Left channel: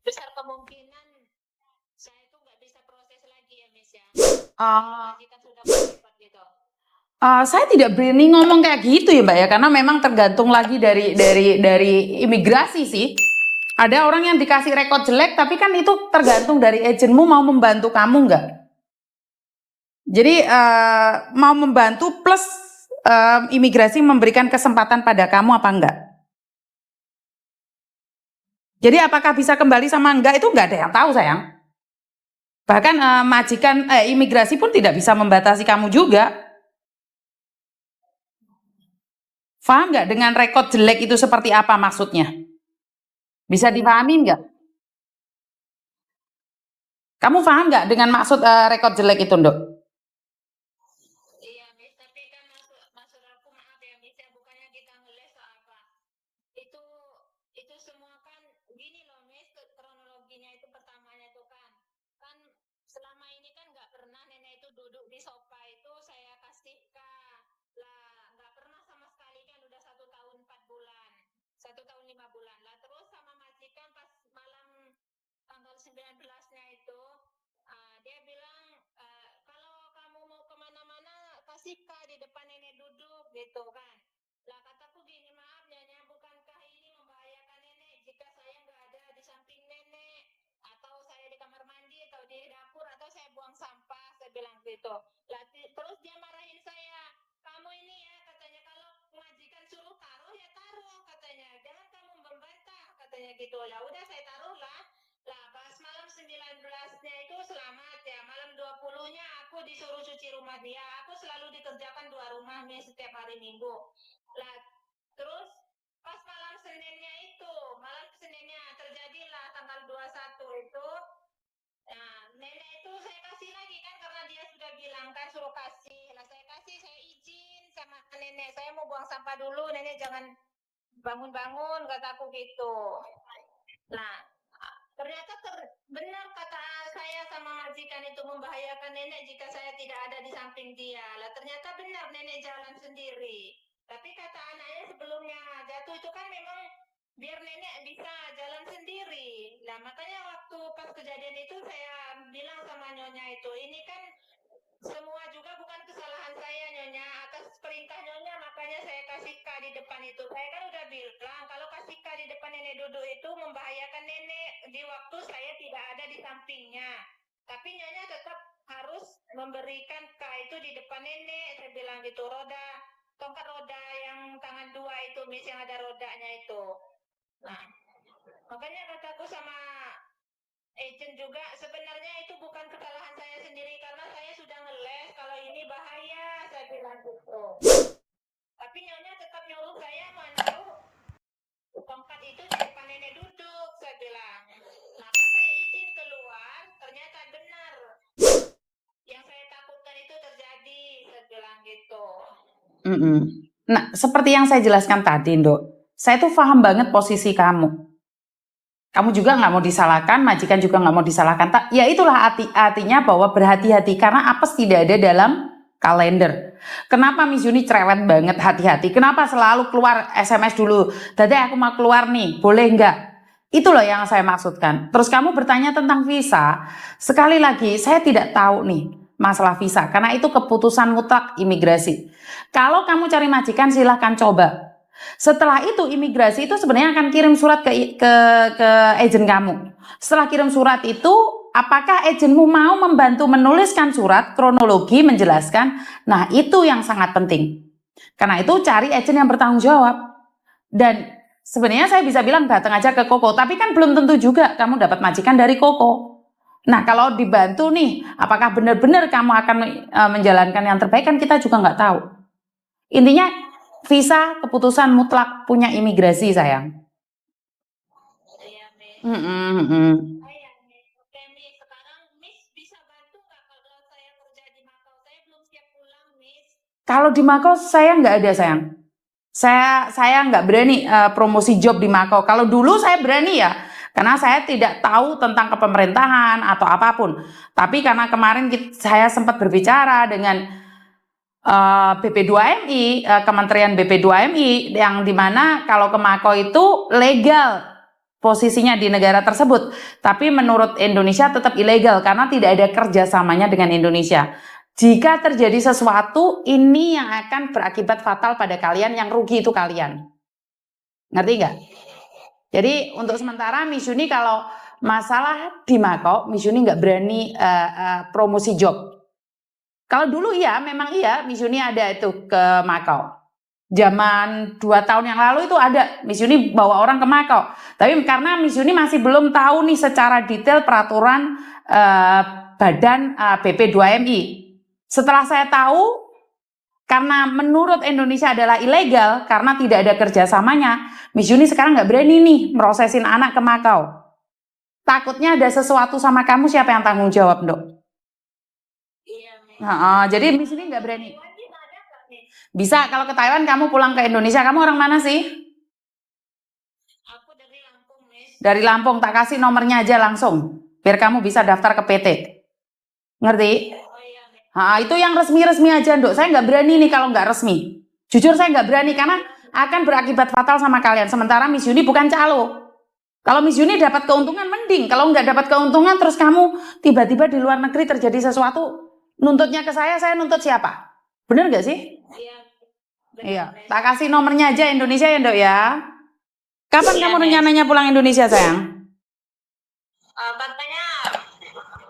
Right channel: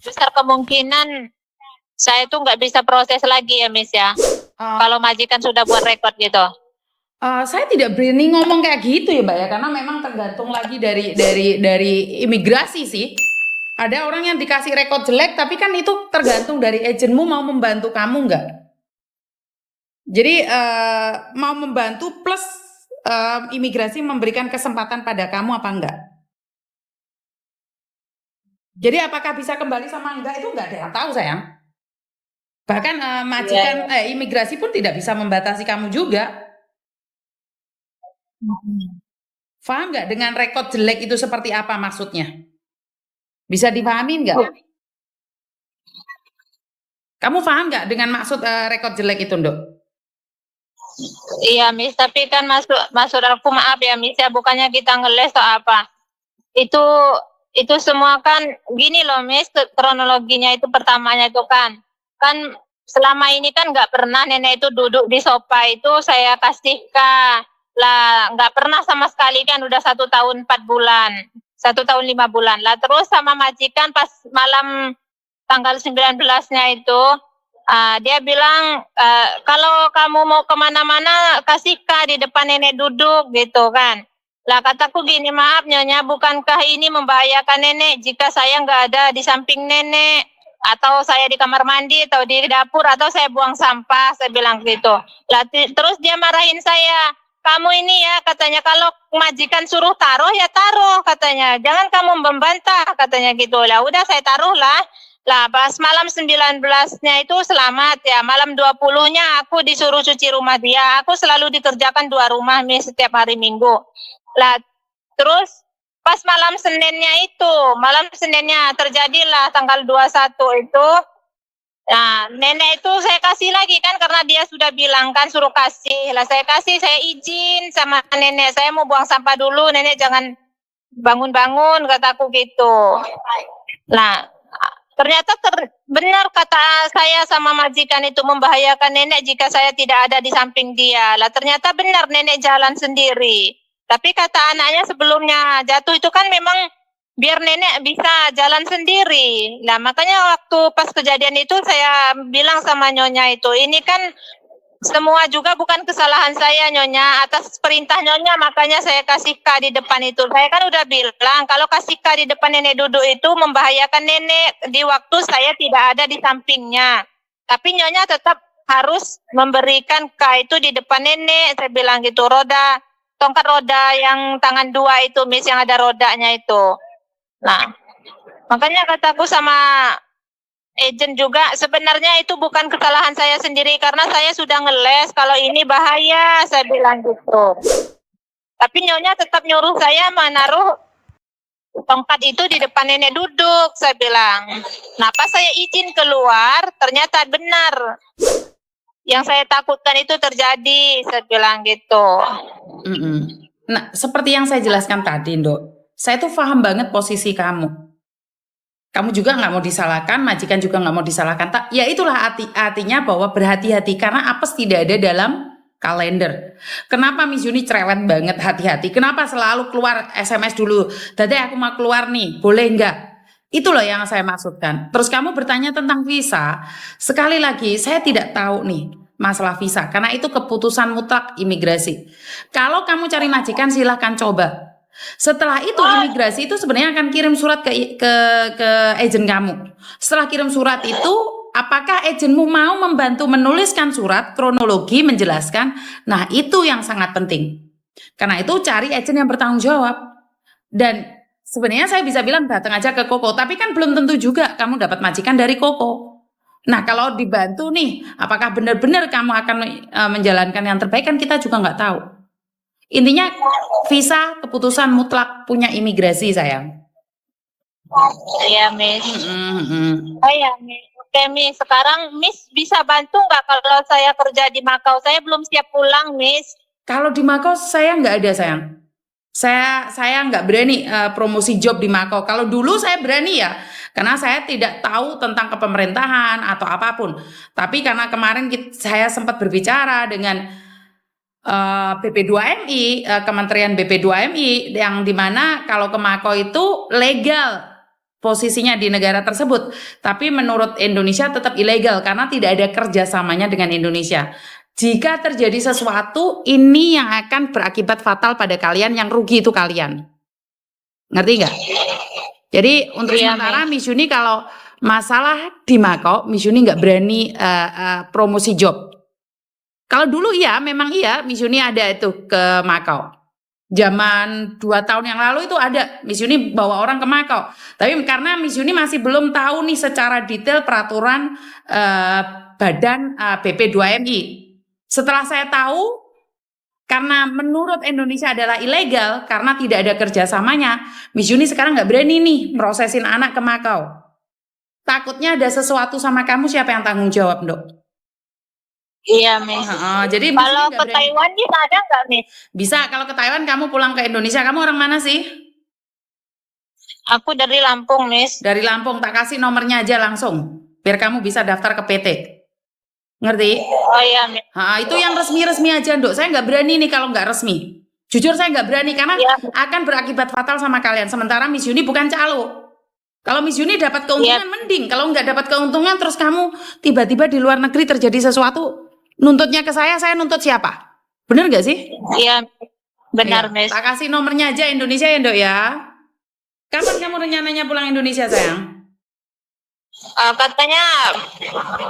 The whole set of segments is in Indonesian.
besar kemungkinan saya tuh nggak bisa proses lagi ya, Miss ya. Uh, Kalau majikan sudah buat rekod gitu. saya tidak berani ngomong kayak gitu ya Mbak ya, karena memang tergantung lagi dari imigrasi sih. Ada orang yang dikasih rekod jelek, tapi kan itu tergantung dari agenmu mau membantu kamu nggak. Jadi mau membantu plus imigrasi memberikan kesempatan pada kamu apa enggak. Jadi apakah bisa kembali sama enggak itu enggak ada yang tahu sayang. Bahkan Iya. majikan imigrasi pun tidak bisa membatasi kamu juga. Paham nggak dengan rekod jelek itu seperti apa maksudnya? Bisa dipahami nggak? Kamu paham nggak dengan maksud rekod jelek itu, Ndok? Iya, Miss, tapi kan masuk aku maaf ya, Miss ya, bukannya kita ngeles atau apa. Itu itu semua kan gini loh, Miss, kronologinya itu pertamanya itu kan selama ini kan nggak pernah nenek itu duduk di sofa itu saya kasih lah, nggak pernah sama sekali kan udah 1 tahun 4 bulan, 1 tahun 5 bulan lah. Terus sama majikan pas malam tanggal 19-nya itu dia bilang kalau kamu mau kemana-mana kasih di depan nenek duduk gitu kan. Lah kataku gini, maaf Nyonya, bukankah ini membahayakan nenek jika saya nggak ada di samping nenek, atau saya di kamar mandi atau di dapur atau saya buang sampah, saya bilang gitu. Lah terus dia marahin saya, kamu ini ya katanya kalau majikan suruh taruh ya taruh katanya, jangan kamu membantah katanya gitu. Lah udah saya taruh lah. Lah pas malam 19-nya itu selamat ya, malam 20-nya aku disuruh cuci rumah dia. Aku selalu dikerjakan 2 rumah nih setiap hari Minggu. Lah terus pas malam Seninnya terjadilah tanggal 21 itu. Nah, nenek itu saya kasih lagi kan karena dia sudah bilang kan suruh kasih. Lah saya kasih, saya izin sama nenek, saya mau buang sampah dulu, nenek jangan bangun-bangun kataku gitu. Nah, ternyata benar kata saya sama majikan itu membahayakan nenek jika saya tidak ada di samping dia. Lah ternyata benar nenek jalan sendiri. Tapi kata anaknya sebelumnya jatuh itu kan memang biar nenek bisa jalan sendiri. Nah makanya waktu pas kejadian itu saya bilang sama Nyonya itu, ini kan semua juga bukan kesalahan saya Nyonya, atas perintah Nyonya makanya saya kasih di depan itu. Saya kan udah bilang kalau kasih di depan nenek duduk itu membahayakan nenek di waktu saya tidak ada di sampingnya. Tapi Nyonya tetap harus memberikan itu di depan nenek, saya bilang gitu. Tongkat roda yang tangan 2 itu, Miss, yang ada rodanya itu. Nah, makanya kataku sama agent juga, sebenarnya itu bukan kesalahan saya sendiri karena saya sudah ngeles kalau ini bahaya, saya bilang gitu. Tapi Nyonya tetap nyuruh saya menaruh tongkat itu di depan nenek duduk, saya bilang. Nah pas saya izin keluar ternyata benar yang saya takutkan itu terjadi, saya bilang gitu. Nah, seperti yang saya jelaskan tadi, Ndok, saya tuh paham banget posisi kamu. Kamu juga nggak mau disalahkan, majikan juga nggak mau disalahkan. Ya itulah artinya bahwa berhati-hati karena apes tidak ada dalam kalender. Kenapa Miss Yuni cerewet banget hati-hati? Kenapa selalu keluar SMS dulu? Dada aku mau keluar nih, boleh nggak? Itu loh yang saya maksudkan. Terus kamu bertanya tentang visa. Sekali lagi, saya tidak tahu nih masalah visa karena itu keputusan mutlak imigrasi. Kalau kamu cari majikan silahkan coba. Setelah itu imigrasi itu sebenarnya akan kirim surat ke agen kamu. Setelah kirim surat itu, apakah agenmu mau membantu menuliskan surat kronologi menjelaskan? Nah, itu yang sangat penting. Karena itu cari agen yang bertanggung jawab. Dan sebenarnya saya bisa bilang datang aja ke Koko, tapi kan belum tentu juga kamu dapat majikan dari Koko. Nah, kalau dibantu nih, apakah benar-benar kamu akan menjalankan yang terbaik kan kita juga nggak tahu. Intinya visa keputusan mutlak punya imigrasi sayang. Iya Miss. Oh ya Miss. Oke Miss, sekarang Miss bisa bantu nggak kalau saya kerja di Makau? Saya belum siap pulang Miss. Kalau di Makau saya nggak ada sayang. Saya nggak berani promosi job di Makau. Kalau dulu saya berani ya, karena saya tidak tahu tentang kepemerintahan atau apapun. Tapi karena kemarin saya sempat berbicara dengan BP2MI, Kementerian BP2MI, yang dimana kalau ke Makau itu legal posisinya di negara tersebut. Tapi menurut Indonesia tetap ilegal karena tidak ada kerjasamanya dengan Indonesia. Jika terjadi sesuatu, ini yang akan berakibat fatal pada kalian, yang rugi itu kalian. Ngerti nggak? Jadi untuk Iya, sementara Miss Yuni kalau masalah di Makau, Miss Yuni nggak berani promosi job. Kalau dulu iya, memang iya Miss Yuni ada itu ke Makau. Zaman 2 tahun yang lalu itu ada Miss Yuni bawa orang ke Makau. Tapi karena Miss Yuni masih belum tahu nih secara detail peraturan badan BP2MI. Setelah saya tahu, karena menurut Indonesia adalah ilegal karena tidak ada kerjasamanya, Miss Yuni sekarang nggak berani nih merosesin anak ke Makau. Takutnya ada sesuatu sama kamu, siapa yang tanggung jawab, Dok? Iya, Miss. Jadi Miss Kalau Yuni nggak ke berani. Taiwan bisa ada nggak, Miss? Bisa, kalau ke Taiwan kamu pulang ke Indonesia. Kamu orang mana sih? Aku dari Lampung, Miss. Dari Lampung, tak kasih nomornya aja langsung, biar kamu bisa daftar ke PT. Ngerti? Oh iya, Miss. Itu yang resmi-resmi aja, Dok. Saya nggak berani nih kalau nggak resmi. Jujur saya nggak berani karena Iya. akan berakibat fatal sama kalian. Sementara Miss Yuni bukan calo. Kalau Miss Yuni dapat keuntungan mending. Kalau nggak dapat keuntungan terus kamu tiba-tiba di luar negeri terjadi sesuatu, nuntutnya ke saya nuntut siapa? Bener nggak sih? Iya, benar, Iya. Miss. Tak kasih nomornya aja Indonesia ya, Dok ya. Kapan Iya, kamu Miss. rencananya pulang Indonesia, sayang? Katanya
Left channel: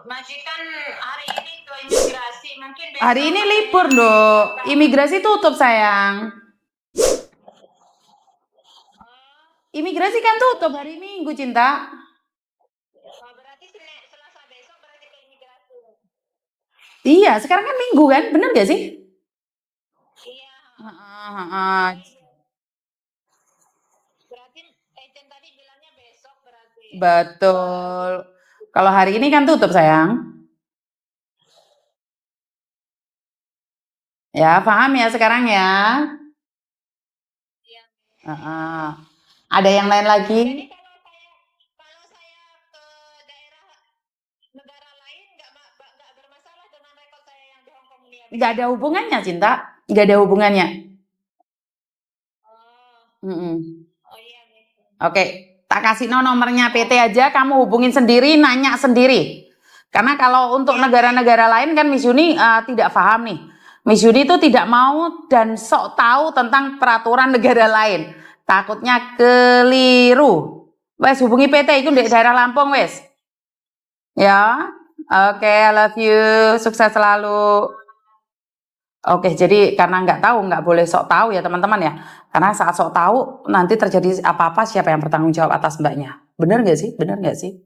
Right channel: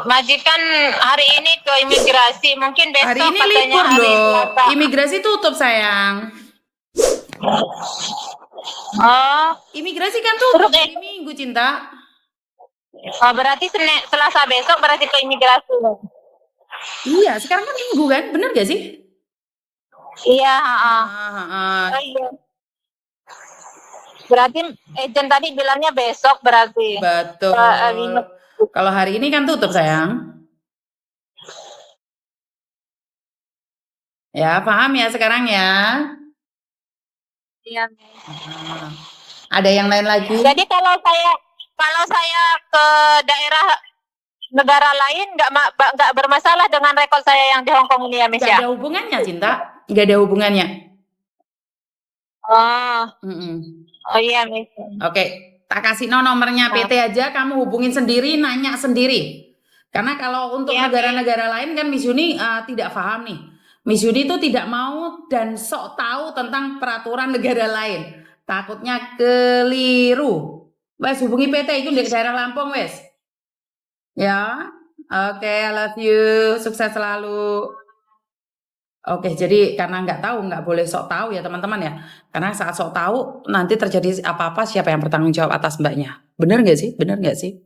majikan hari ini ke imigrasi, mungkin besok Hari ini katanya libur, hari Dok. Selasa. Imigrasi tutup, sayang. Oh, Imigrasi kan tutup Terus, hari Minggu, Cinta. berarti Selasa besok berarti ke imigrasi. Iya, sekarang kan Minggu kan? Bener gak sih? Iya, Ah. Oh, iya. Berarti agent tadi bilangnya besok berarti. Betul. Kalau hari ini kan tutup, sayang. Ya, paham ya sekarang ya? Iya. Ada yang lain lagi? Jadi kalau saya ke daerah negara lain nggak bermasalah dengan rekod saya yang di Hong Kong ini ya, Miss Nggak ya? ada hubungannya, Cinta. Nggak ada hubungannya. Oh, oh iya, Miss. Oke, tak kasih nomornya PT aja, kamu hubungin sendiri, nanya sendiri. Karena kalau untuk negara-negara lain kan Miss Yuni tidak paham nih. Miss Yuni itu tidak mau dan sok tahu tentang peraturan negara lain. Takutnya keliru. Wes hubungi PT itu di daerah Lampung, wes. Ya, oke, I love you, sukses selalu. Oke, jadi karena nggak tahu, nggak boleh sok tahu ya teman-teman ya. Karena saat sok tahu nanti terjadi apa-apa, siapa yang bertanggung jawab atas mbaknya. Bener nggak sih? Bener nggak sih?